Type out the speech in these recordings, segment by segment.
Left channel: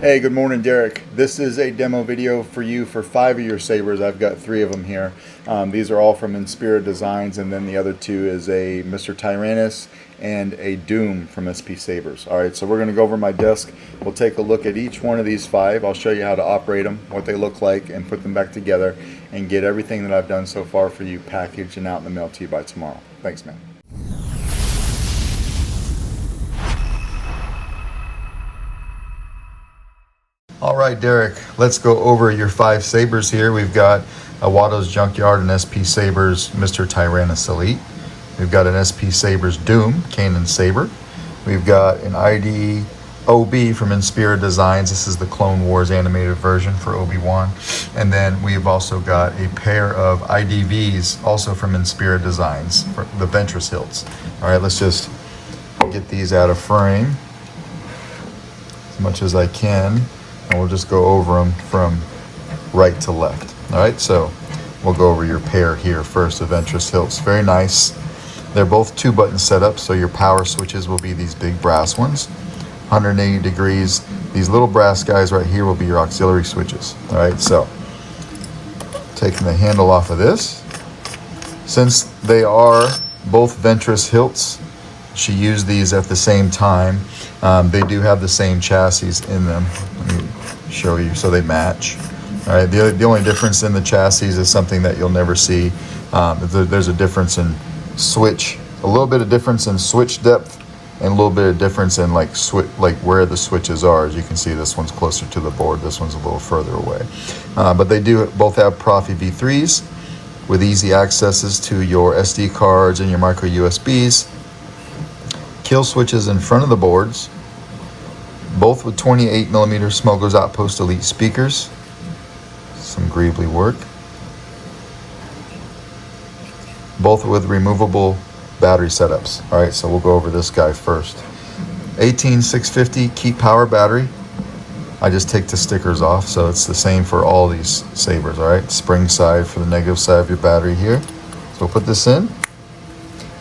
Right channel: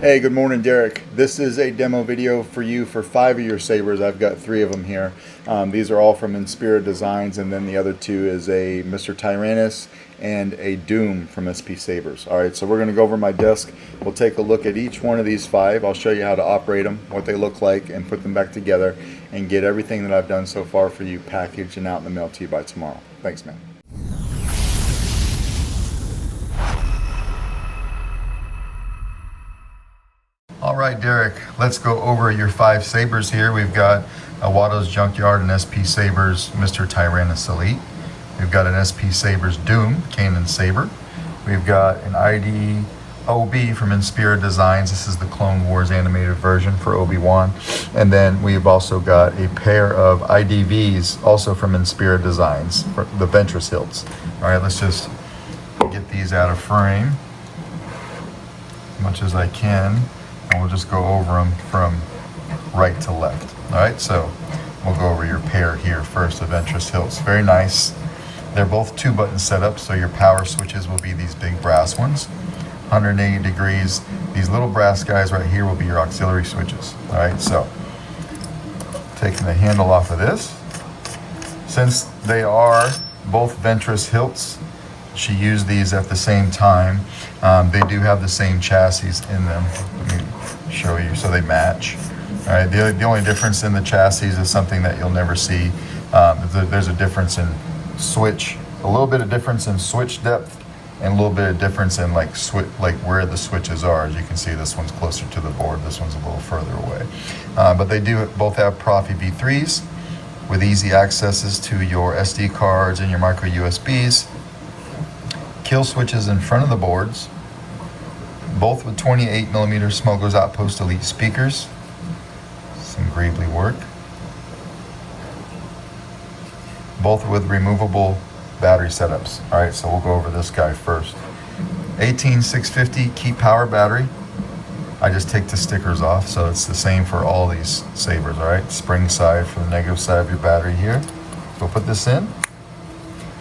Hey, good morning, Derek. This is a demo video for you for 5 of your sabers. I've got 3 of them here. These are all from Inspira Designs, and then the other 2 is a Mr. Tyrannus and a Doom from SP Sabers. All right, so we're going to go over my desk. We'll take a look at each one of these 5. I'll show you how to operate them, what they look like, and put them back together, and get everything that I've done so far for you packaged and out in the mail to you by tomorrow. Thanks, man. All right, Derek, let's go over your 5 sabers here. We've got a Watto's Junkyard and SP Sabers Mr. Tyrannus Elite. We've got an SP Sabers Doom Cannon Saber. We've got an ID OB from Inspira Designs. This is the Clone Wars animated version for Obi-Wan. And then we've also got a pair of IDVs also from Inspira Designs, for the Ventress hilts. All right, let's just get these out of frame as much as I can. And we'll just go over them from right to left. All right, so we'll go over your pair here first, the Ventress hilts. Very nice. They're both 2-button setups, so your power switches will be these big brass ones. 180 degrees. These little brass guys right here will be your auxiliary switches. All right, so taking the handle off of this. Since they are both Ventress hilts, she used these at the same time. They do have the same chassis in them. Let me show you so they match. All right, the only difference in the chassis is something that you'll never see. There's a difference in switch, a little bit of difference in switch depth, and a little bit of difference in like where the switches are. As you can see, this one's closer to the board, this one's a little further away. But they do both have Proffie V3s with easy accesses to your SD cards and your micro USBs. Kill switches in front of the boards, both with 28mm Smoke Goes Outpost Elite speakers. Some greebly work. Both with removable battery setups. All right, so we'll go over this guy first. 18650 keep power battery. I just take the stickers off, so it's the same for all these sabers. All right, spring side for the negative side of your battery here. So we'll put this in.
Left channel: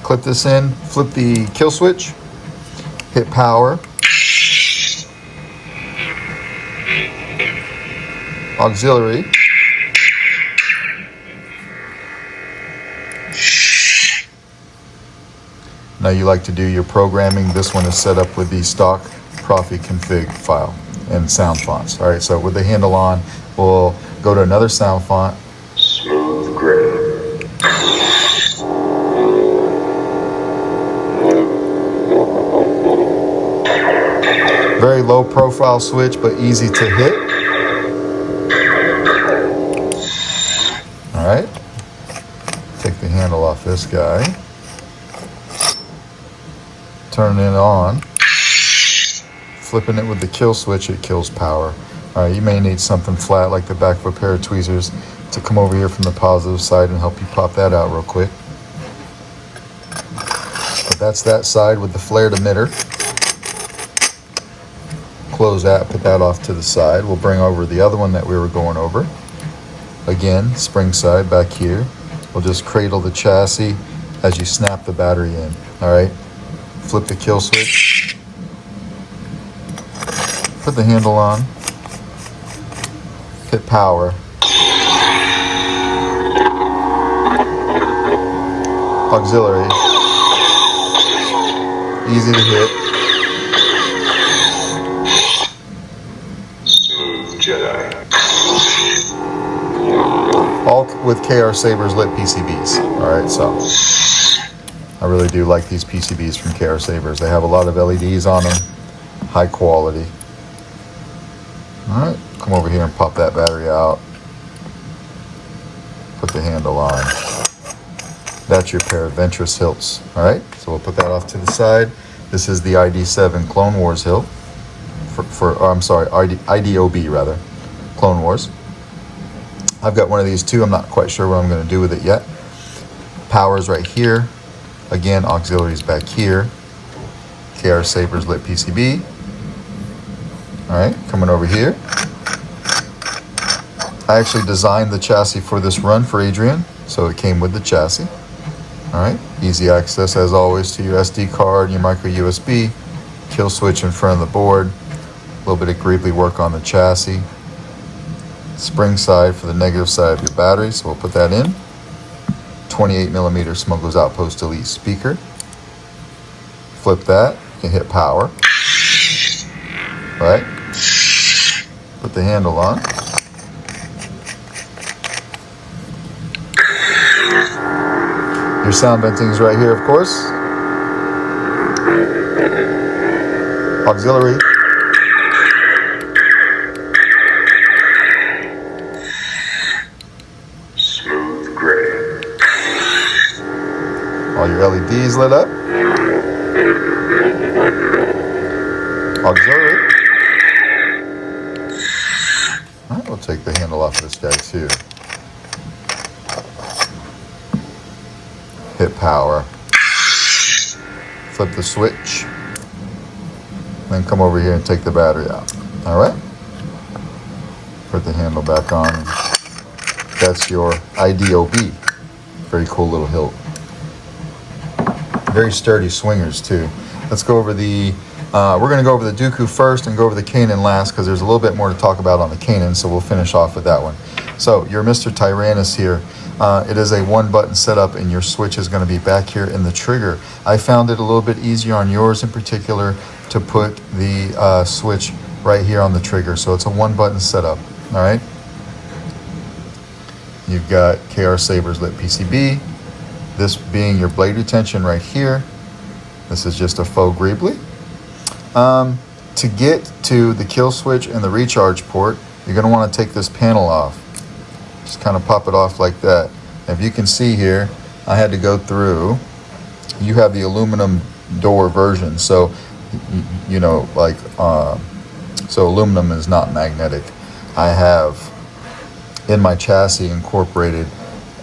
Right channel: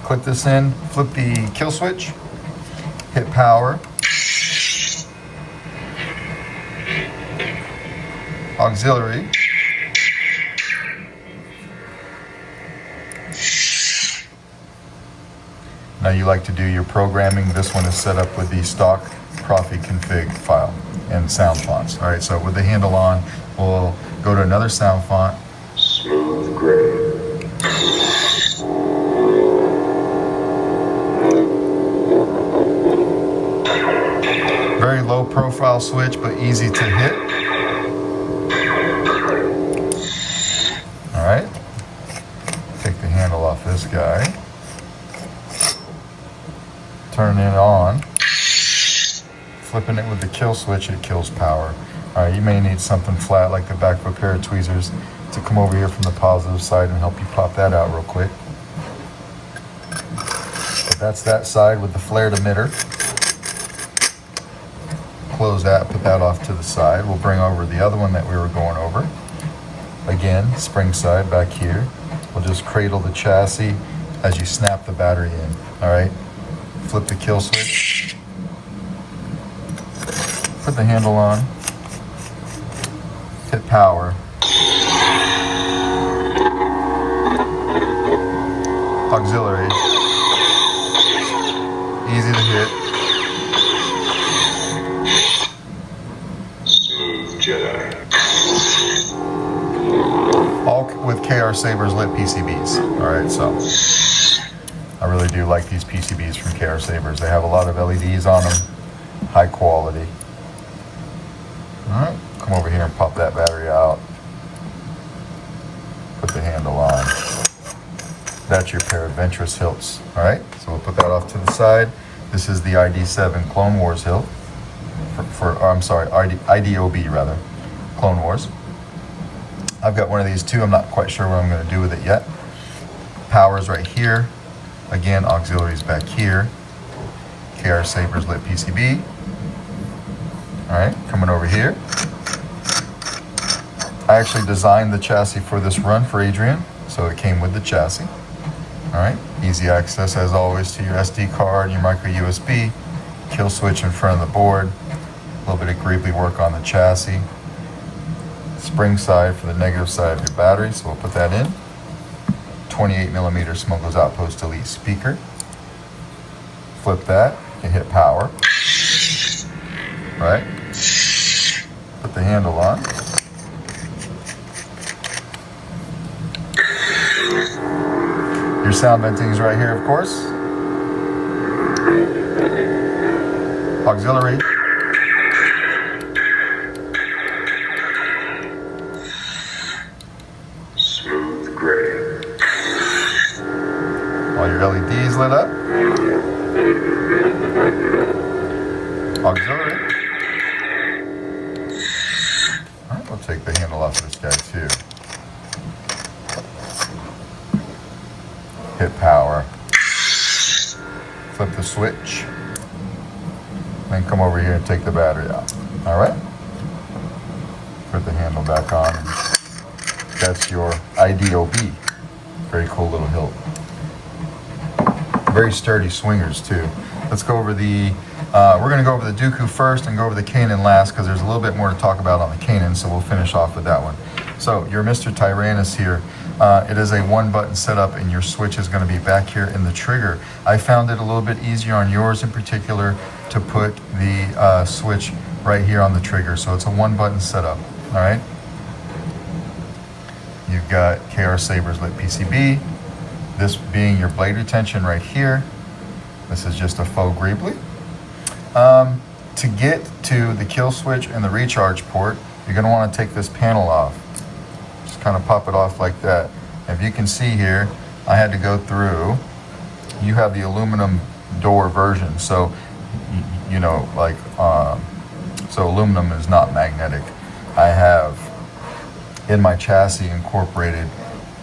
Clip this in, flip the kill switch, hit power, auxiliary, now you like to do your programming. This one is set up with the stock Proffie config file and sound fonts. All right, so with the handle on, we'll go to another sound font. Smooth gray. Very low profile switch, but easy to hit. All right. Take the handle off this guy. Turn it on. Flipping it with the kill switch, it kills power. All right, you may need something flat like the back of a pair of tweezers to come over here from the positive side and help you pop that out real quick. But that's that side with the flared emitter. Close that, put that off to the side. We'll bring over the other one that we were going over. Again, spring side back here. We'll just cradle the chassis as you snap the battery in. All right, flip the kill switch. Put the handle on. Hit power. Auxiliary. Easy to hit. Jedi. All with KR Sabers lit PCBs. All right, so I really do like these PCBs from KR Sabers. They have a lot of LEDs on them, high quality. All right, come over here and pop that battery out. Put the handle on. That's your pair of Ventress hilts. All right, so we'll put that off to the side. This is the ID7 Clone Wars hilt. IDOB rather, Clone Wars. I've got one of these too. I'm not quite sure what I'm going to do with it yet. Power's right here. Again, auxiliaries back here. KR Sabers lit PCB. All right, coming over here. I actually designed the chassis for this run for Adrian, so it came with the chassis. All right, easy access as always to your SD card, your micro USB, kill switch in front of the board. little bit of greebly work on the chassis. Spring side for the negative side of your battery, so we'll put that in. 28mm Smuggler's Outpost Elite speaker. Flip that, you can hit power. Right? Put the handle on. Your sound venting is right here, of course. Auxiliary. Smooth gray. All your LEDs lit up. Auxiliary. All right, we'll take the handle off of this guy too. Hit power. Flip the switch. Then come over here and take the battery out. All right. Put the handle back on. That's your IDOB. Very cool little hilt. Very sturdy swingers too. Let's go over the, we're going to go over the Dooku first and go over the Kanan last because there's a little bit more to talk about on the Kanan, so we'll finish off with that one. So your Mr. Tyrannus here, it is a one button setup and your switch is going to be back here in the trigger. I found it a little bit easier on yours in particular to put the switch right here on the trigger. So it's a one button setup, all right? You've got KR Sabers lit PCB, this being your blade retention right here. This is just a faux greebly. To get to the kill switch and the recharge port, you're going to want to take this panel off. Just kind of pop it off like that. If you can see here, I had to go through. You have the aluminum door version, so you know, like, so aluminum is not magnetic. I have in my chassis incorporated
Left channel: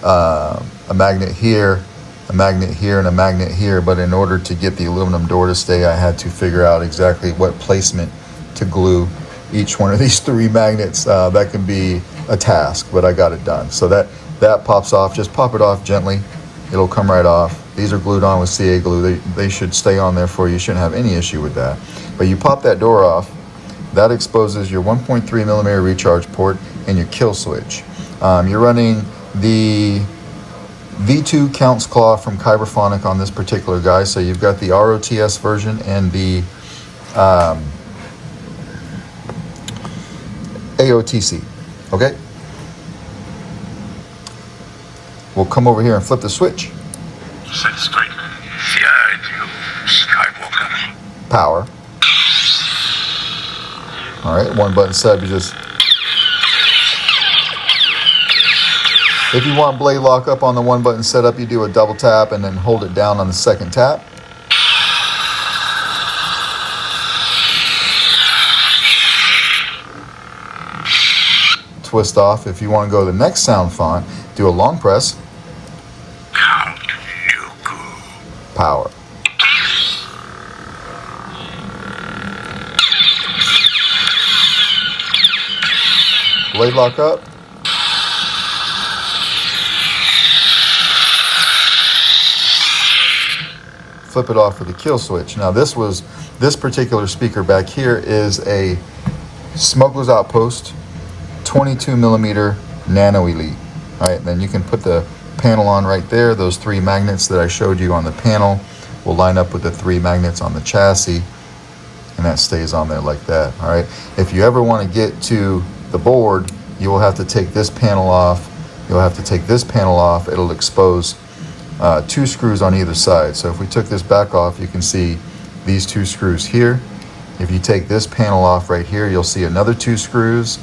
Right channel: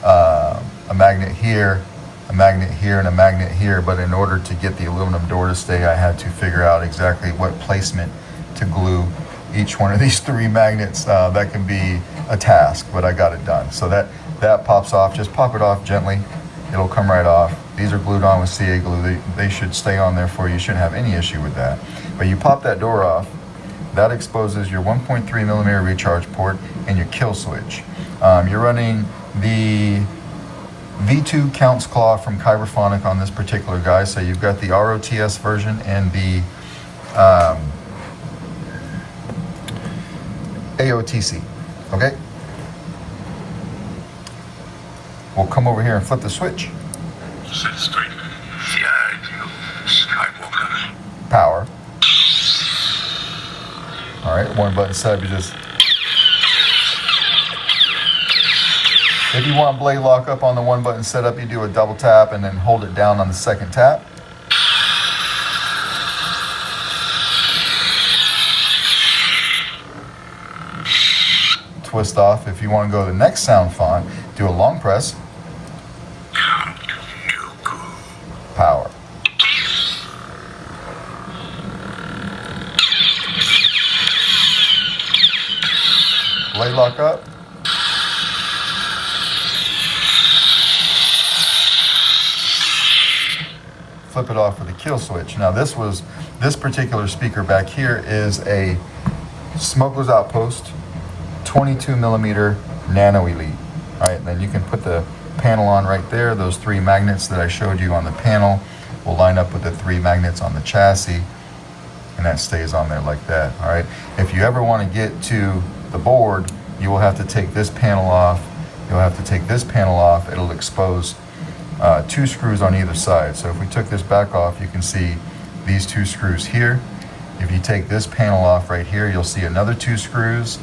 a magnet here, a magnet here, and a magnet here, but in order to get the aluminum door to stay, I had to figure out exactly what placement to glue each one of these three magnets. That can be a task, but I got it done. So that pops off. Just pop it off gently. It'll come right off. These are glued on with CA glue. They should stay on there for you. You shouldn't have any issue with that. But you pop that door off. That exposes your 1.3mm recharge port and your kill switch. You're running the V2 Counts Claw from Kyberphonic on this particular guy. So you've got the ROTS version and the AOTC. Okay? We'll come over here and flip the switch. Set straight. The ideal Skywalker. Power. All right, one button setup. You just, if you want blade lock up on the one button setup, you do a double tap and then hold it down on the second tap. Twist off. If you want to go to the next sound font, do a long press. Power. Blade lock up. Flip it off for the kill switch. Now this particular speaker back here is a Smuggler's Outpost 22mm Nano Elite. All right, then you can put the panel on right there. Those three magnets that I showed you on the panel will line up with the three magnets on the chassis, and that stays on there like that. All right, if you ever want to get to the board, you will have to take this panel off. You'll have to take this panel off. It'll expose two screws on either side. So if we took this back off, you can see these two screws here. If you take this panel off right here, you'll see another two screws.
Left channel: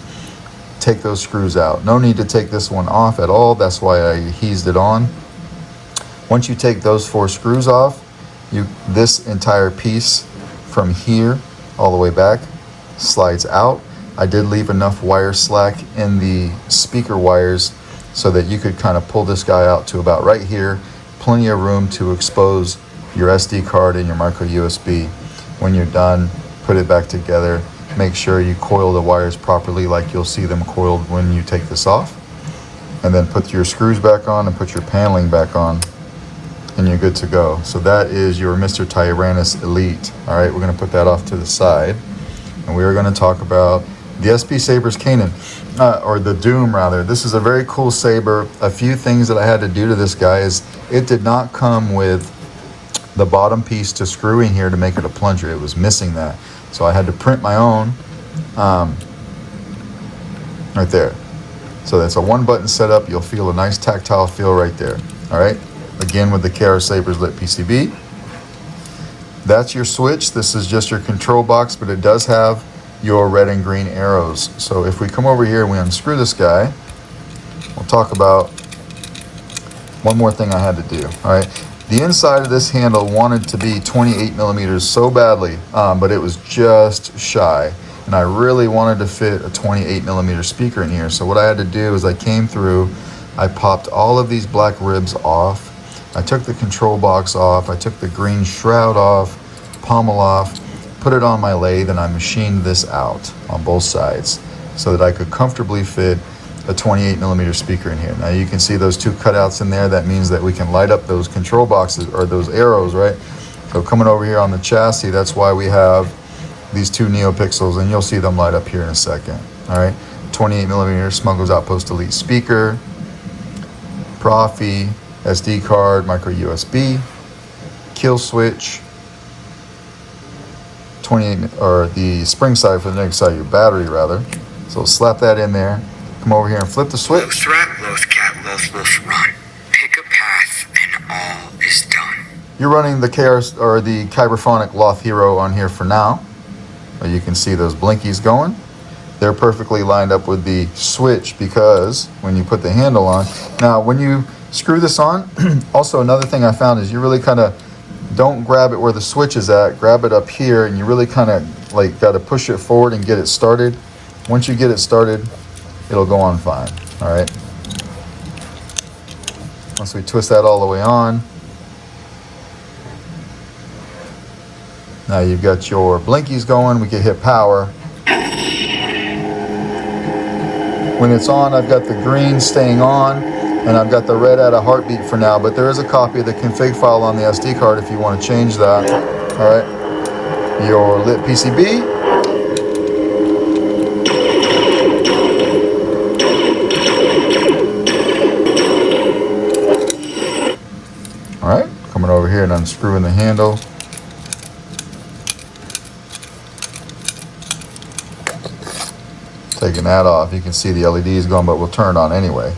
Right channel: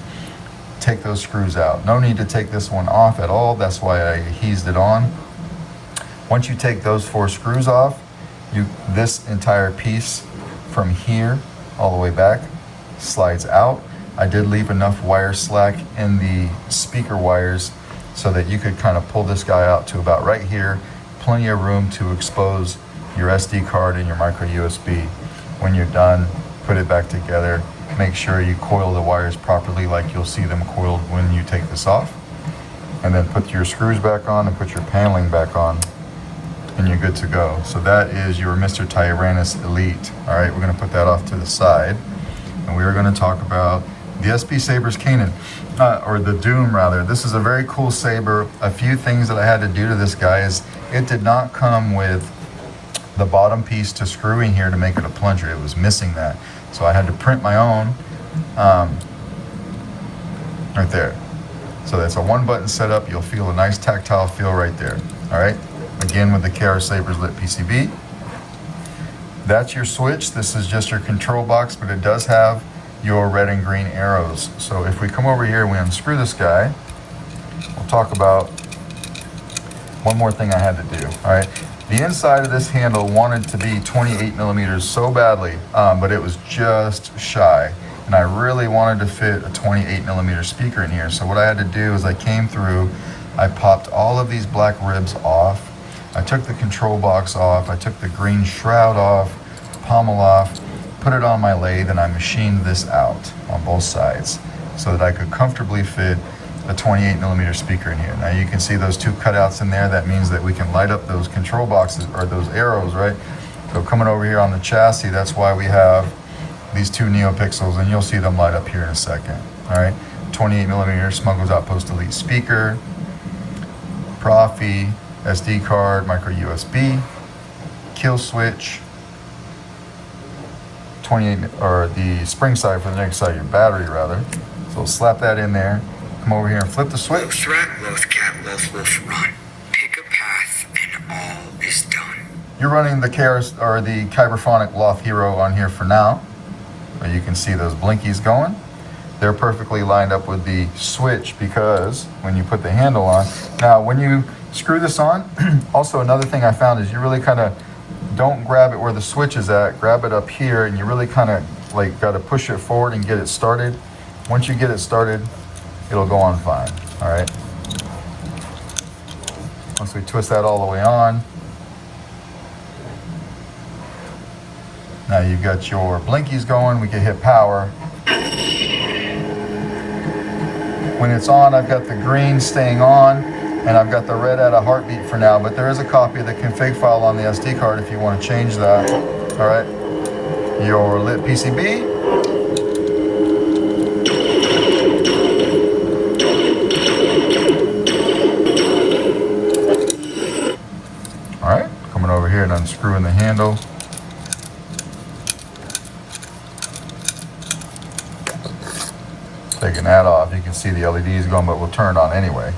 Take those screws out. No need to take this one off at all. That's why I eased it on. Once you take those four screws off, this entire piece from here all the way back slides out. I did leave enough wire slack in the speaker wires so that you could kind of pull this guy out to about right here. Plenty of room to expose your SD card and your micro USB. When you're done, put it back together. Make sure you coil the wires properly like you'll see them coiled when you take this off. And then put your screws back on and put your paneling back on, and you're good to go. So that is your Mr. Tyrannus Elite. All right, we're gonna put that off to the side. and we are going to talk about the SP Sabers Kanan, or the Doom rather. This is a very cool saber. A few things that I had to do to this guy is it did not come with the bottom piece to screw in here to make it a plunger. It was missing that. So I had to print my own right there. So that's a one button setup. You'll feel a nice tactile feel right there. All right. Again with the KR Sabers lit PCB. That's your switch. This is just your control box, but it does have your red and green arrows. So if we come over here and we unscrew this guy, we'll talk about one more thing I had to do. All right. The inside of this handle wanted to be 28 millimeters so badly, but it was just shy. And I really wanted to fit a 28 millimeter speaker in here. So what I had to do is I came through, I popped all of these black ribs off. I took the control box off. I took the green shroud off, pommel off, put it on my lathe, and I machined this out on both sides so that I could comfortably fit a 28 millimeter speaker in here. Now you can see those two cutouts in there. That means that we can light up those control boxes or those arrows, right? So coming over here on the chassis, that's why we have these two Neopixels, and you'll see them light up here in a second. All right, 28 millimeter Smuggler's Outpost Elite speaker, Proffie, SD card, micro USB, kill switch, 28, or the spring side for the next side, your battery rather. So slap that in there. Come over here and flip the switch. Loth rat, loth cat, loth run. Pick a path and all is done. You're running the KR or the Kyberphonic Loth Hero on here for now. You can see those blinkies going. They're perfectly lined up with the switch because when you put the handle on. Now when you screw this on, also another thing I found is you really kind of don't grab it where the switch is at, grab it up here, and you really kind of like got to push it forward and get it started. Once you get it started, it'll go on fine. All right. Once we twist that all the way on, now you've got your blinkies going. We can hit power. When it's on, I've got the green staying on, and I've got the red at a heartbeat for now, but there is a copy of the config file on the SD card if you want to change that. All right. Your lit PCB. All right, coming over here and unscrewing the handle. Taking that off, you can see the LEDs going, but we'll turn it on anyway.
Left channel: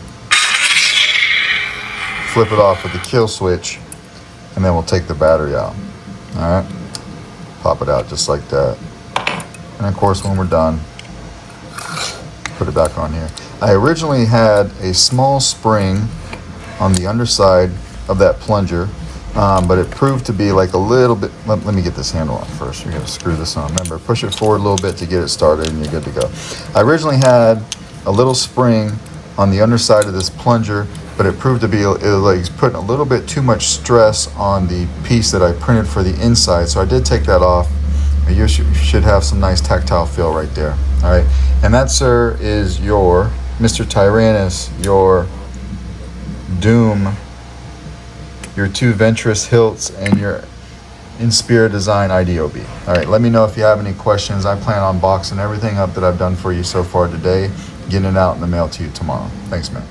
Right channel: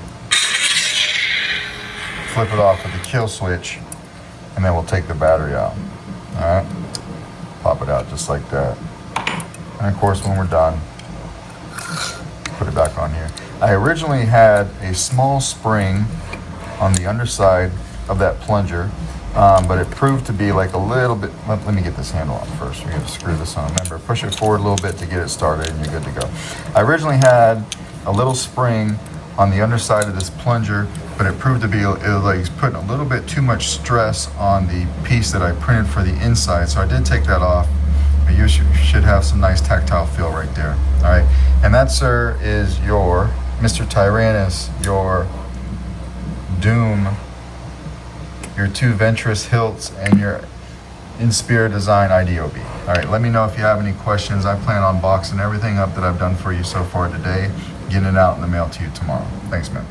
Flip it off with the kill switch, and then we'll take the battery out. All right, pop it out just like that. And of course, when we're done, put it back on here. I originally had a small spring on the underside of that plunger, but it proved to be like a little bit. Let me get this handle on first. You're going to screw this on. Remember, push it forward a little bit to get it started, and you're good to go. I originally had a little spring on the underside of this plunger, but it proved to be like putting a little bit too much stress on the piece that I printed for the inside. So I did take that off. You should have some nice tactile feel right there. All right, and that, sir, is your Mr. Tyrannus, your Doom, your two Ventress hilts, and your Inspire Design IDOB. All right, let me know if you have any questions. I plan on boxing everything up that I've done for you so far today, getting it out in the mail to you tomorrow. Thanks, man.